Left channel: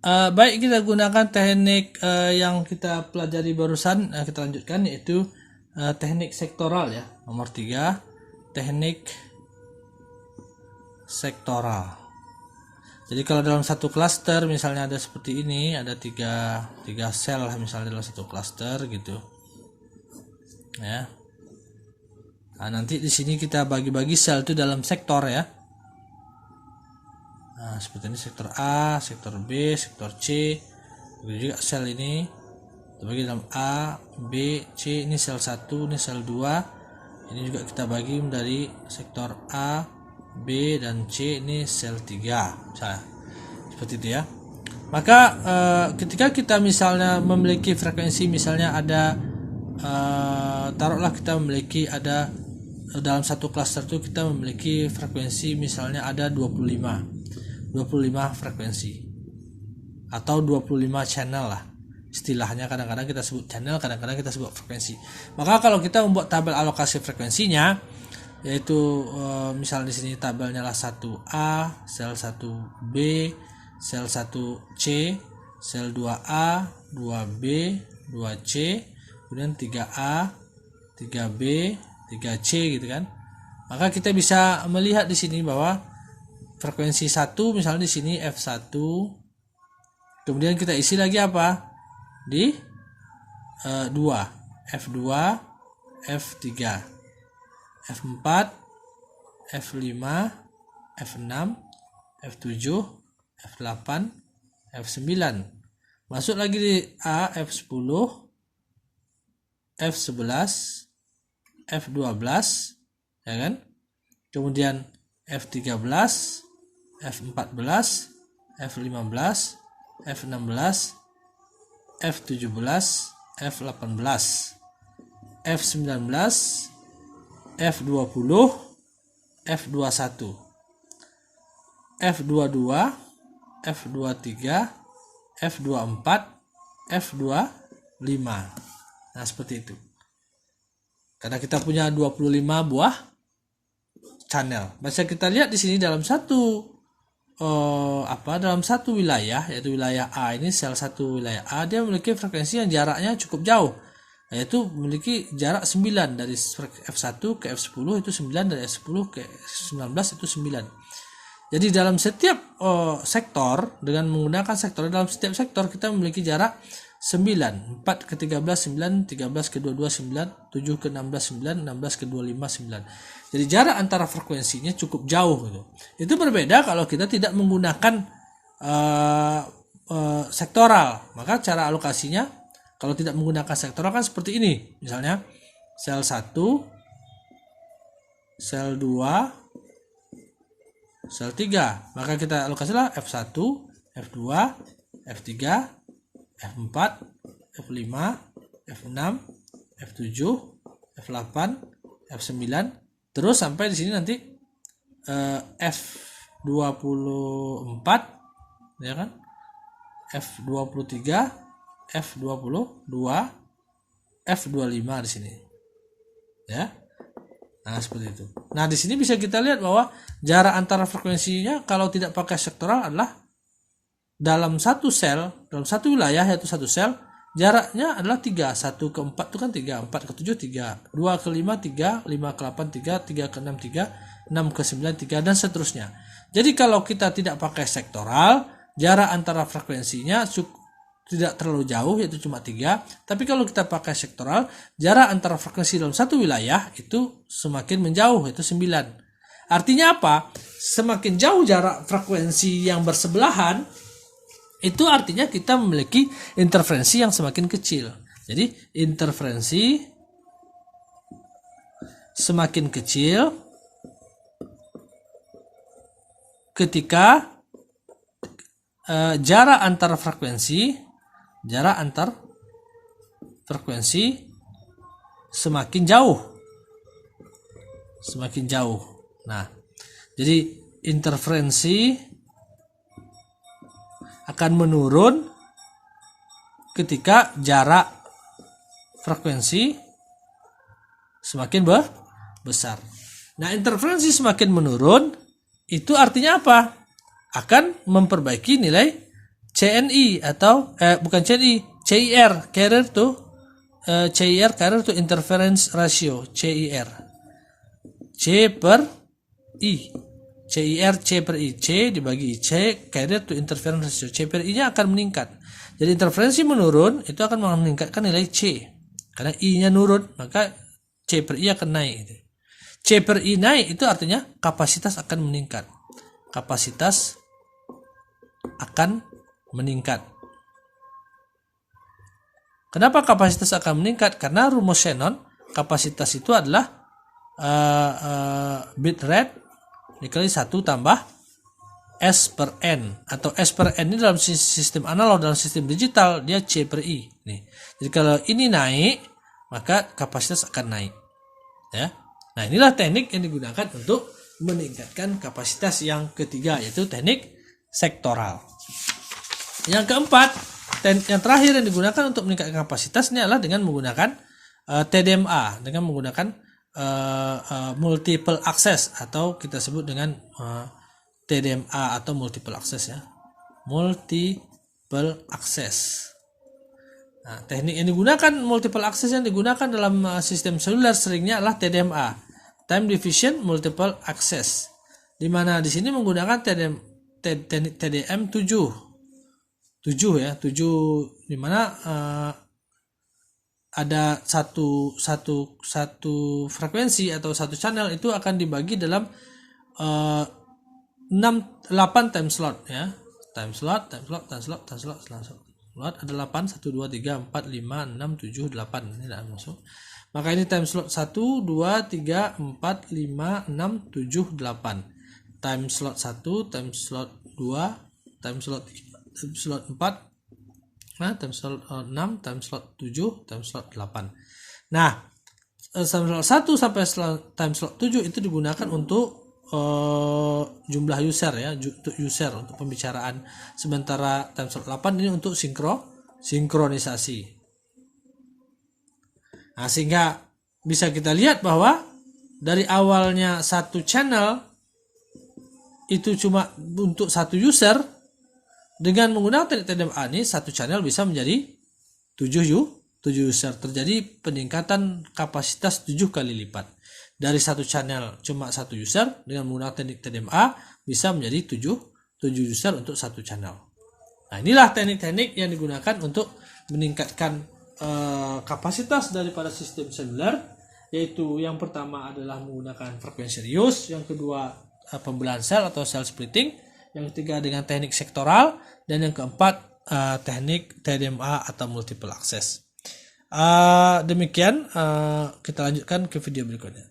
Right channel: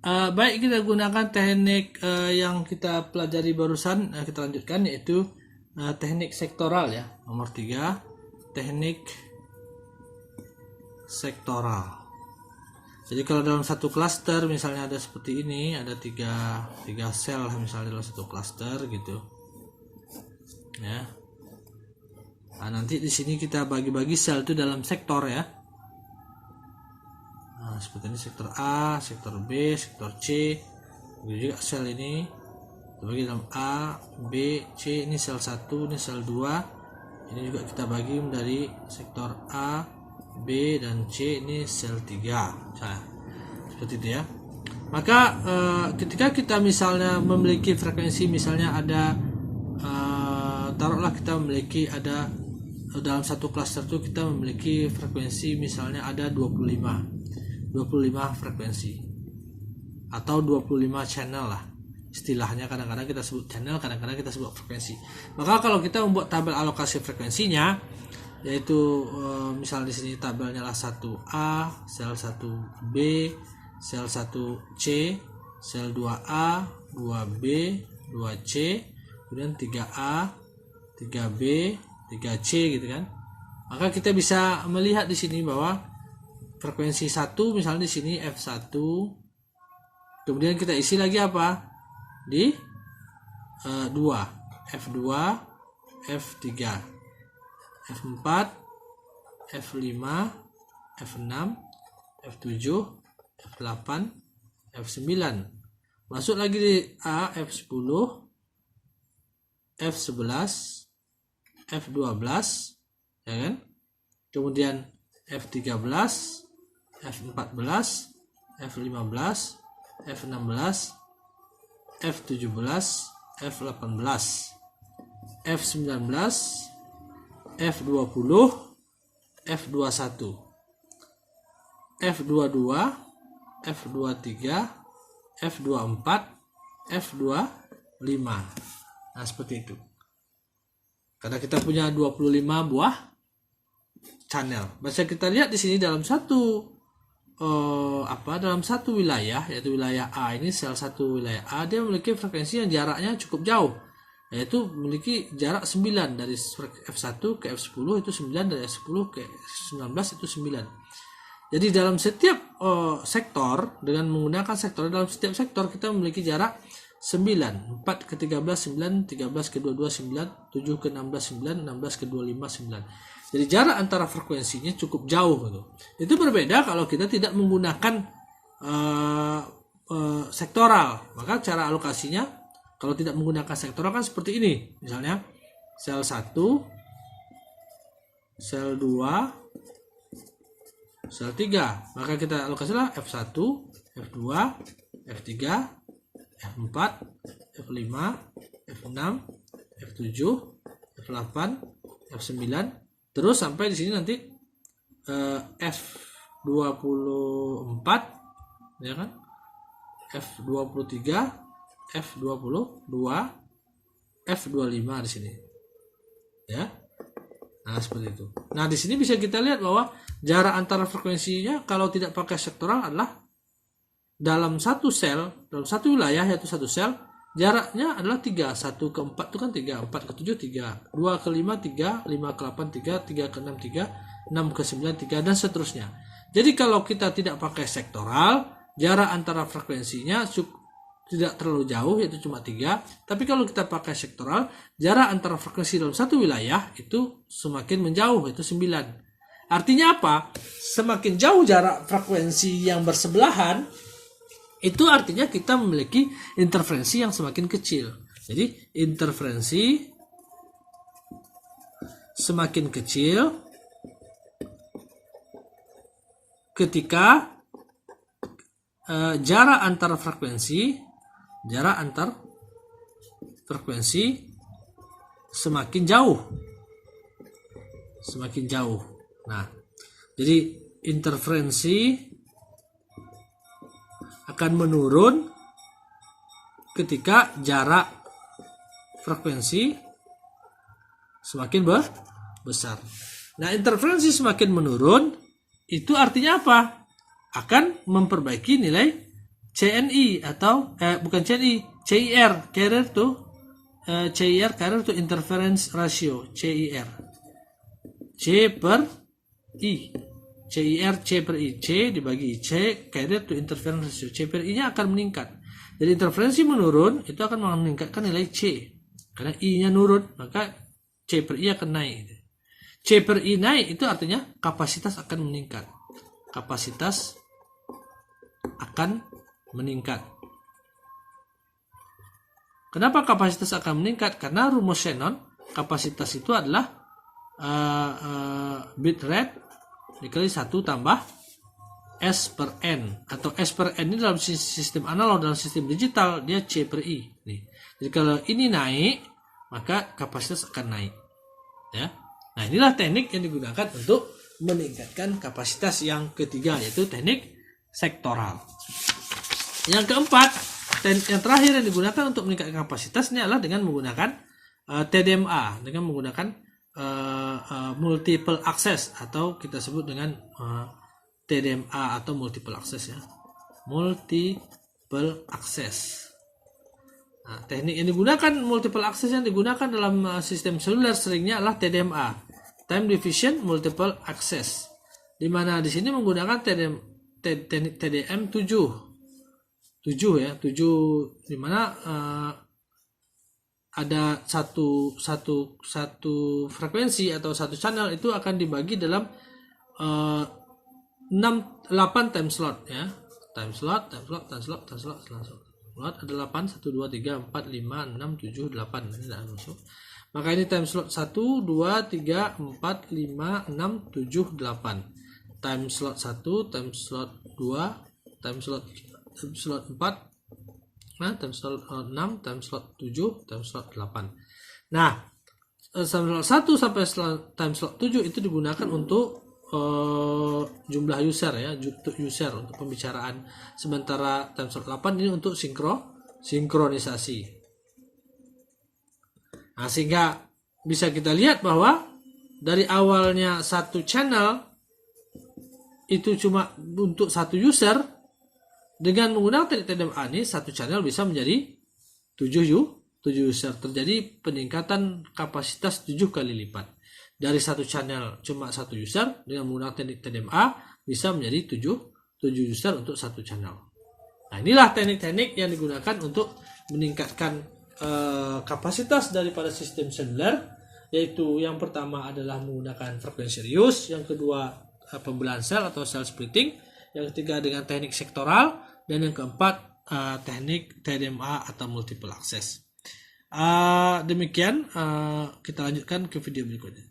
Baik, kita gunakan teknik yang kita pelajari barusan. Kita lanjutkan, yaitu teknik sektoral ya. Nomor 3, teknik sektoral. Jadi kalau dalam satu klaster misalnya ada seperti ini, ada tiga sel misalnya dalam satu klaster gitu ya. Nah, nanti di sini kita bagi-bagi sel itu dalam sektor ya. Nah, seperti ini sektor A, sektor B, sektor C. Begitu juga sel ini terbagi dalam A, B, C. Ini sel 1, ini sel 2. Ini juga kita bagi dari sektor A, B, dan C. Ini sel 3. Misalnya, seperti itu ya. Maka ketika kita misalnya memiliki frekuensi, misalnya ada taruhlah kita memiliki ada dalam satu klaster itu kita memiliki frekuensi misalnya ada 25 frekuensi atau 25 channel lah istilahnya. Kadang-kadang kita sebut channel, kadang-kadang kita sebut frekuensi. Maka kalau kita membuat tabel alokasi frekuensinya, yaitu misalnya di sini tabelnya lah 1A, sel 1B, sel 1C, sel 2A, 2B, 2C, kemudian 3A, 3B, 3C gitu kan. Maka kita bisa melihat di sini bahwa frekuensi 1 misalnya di sini F1, kemudian kita isi lagi apa di 2, F2, F3, F4, F5, F6, F7, F8, F9. Masuk lagi di A, F10, F11, F12 ya kan. Kemudian F13, F14, F15, F16, F17, F18, F19, F20, F21, F22, F23, F24, F25. Nah, seperti itu. Karena kita punya 25 buah channel. Bisa kita lihat di sini dalam satu dalam satu wilayah, yaitu wilayah A ini, sel 1 wilayah A, dia memiliki frekuensi yang jaraknya cukup jauh, yaitu memiliki jarak 9 dari F1 ke F10 itu 9, dari F10 ke F19 itu 9. Jadi dalam setiap sektor, dengan menggunakan sektor, dalam setiap sektor kita memiliki jarak 9, 4 ke 13 9, 13 ke 22 9, 7 ke 16 9, 16 ke 25 9. Jadi jarak antara frekuensinya cukup jauh gitu. Itu berbeda kalau kita tidak menggunakan sektoral. Maka cara alokasinya kalau tidak menggunakan sektoral kan seperti ini. Misalnya sel 1, sel 2, sel 3. Maka kita alokasilah F1, F2, F3, F4, F5, F6, F7, F8, F9, terus sampai di sini nanti F24 ya kan, F23, F22, F25 di sini ya. Nah, seperti itu. Nah, di sini bisa kita lihat bahwa jarak antara frekuensinya kalau tidak pakai sektoral adalah dalam satu sel, dalam satu wilayah yaitu satu sel, jaraknya adalah 3. 1 ke 4 itu kan 3, 4 ke 7 3, 2 ke 5 3, 5 ke 8 3, 3 ke 6 3, 6 ke 9 3, dan seterusnya. Jadi kalau kita tidak pakai sektoral, jarak antara frekuensinya tidak terlalu jauh, yaitu cuma 3. Tapi kalau kita pakai sektoral, jarak antara frekuensi dalam satu wilayah itu semakin menjauh, yaitu 9. Artinya apa? Semakin jauh jarak frekuensi yang bersebelahan, itu artinya kita memiliki interferensi yang semakin kecil. Jadi interferensi semakin kecil ketika jarak antar frekuensi semakin jauh. Nah, jadi interferensi akan menurun ketika jarak frekuensi semakin besar. Nah, interferensi semakin menurun itu artinya apa? Akan memperbaiki nilai CNI atau bukan CNI, CIR, carrier to CIR, carrier to interference ratio, CIR. C per I. CIR C per I. C dibagi C, carrier to interference ratio. C per I-nya akan meningkat. Jadi interferensi menurun, itu akan meningkatkan nilai C. Karena I-nya nurun, maka C per I akan naik. C per I naik, itu artinya kapasitas akan meningkat. Kapasitas akan meningkat. Kenapa kapasitas akan meningkat? Karena rumus Shannon, kapasitas itu adalah bit rate dikali 1 tambah S per N, atau S per N ini dalam sistem analog, dalam sistem digital dia C per I. Nih. Jadi kalau ini naik, maka kapasitas akan naik. Ya. Nah, inilah teknik yang digunakan untuk meningkatkan kapasitas yang ketiga, yaitu teknik sektoral. Yang keempat, teknik yang terakhir yang digunakan untuk meningkatkan kapasitas ini adalah dengan menggunakan TDMA, dengan menggunakan multiple access, atau kita sebut dengan TDMA atau multiple access, ya. Multiple access. Nah, teknik yang digunakan, multiple access yang digunakan dalam sistem seluler seringnya adalah TDMA, time division multiple access, di mana di sini menggunakan TDM 7 ya, 7, di mana ada satu frekuensi atau satu channel itu akan dibagi dalam 8 time slot, ya. Time slot ada 8, 1, 2, 3, 4, 5, 6, 7, 8. Ini tidak masuk. Maka ini time slot 1, 2, 3, 4, 5, 6, 7, 8. Time slot 1, time slot 2, time slot 3, time slot 4, time slot 6, time slot 7, time slot 8. Nah, time slot 1 sampai time slot 7 itu digunakan untuk jumlah user, ya, untuk user, untuk pembicaraan. Sementara time slot 8 ini untuk sinkronisasi. Nah, sehingga bisa kita lihat bahwa dari awalnya satu channel itu cuma untuk satu user, dengan menggunakan teknik TDMA ini satu channel bisa menjadi 7 user. Terjadi peningkatan kapasitas 7 kali lipat. Dari satu channel cuma satu user, dengan menggunakan teknik TDMA bisa menjadi 7 user untuk satu channel. Nah, inilah teknik-teknik yang digunakan untuk meningkatkan kapasitas daripada sistem seluler, yaitu yang pertama adalah menggunakan frekuensi reuse, yang kedua pembelahan sel atau cell splitting, yang ketiga dengan teknik sektoral, dan yang keempat teknik TDMA atau multiple access. Demikian, kita lanjutkan ke video berikutnya.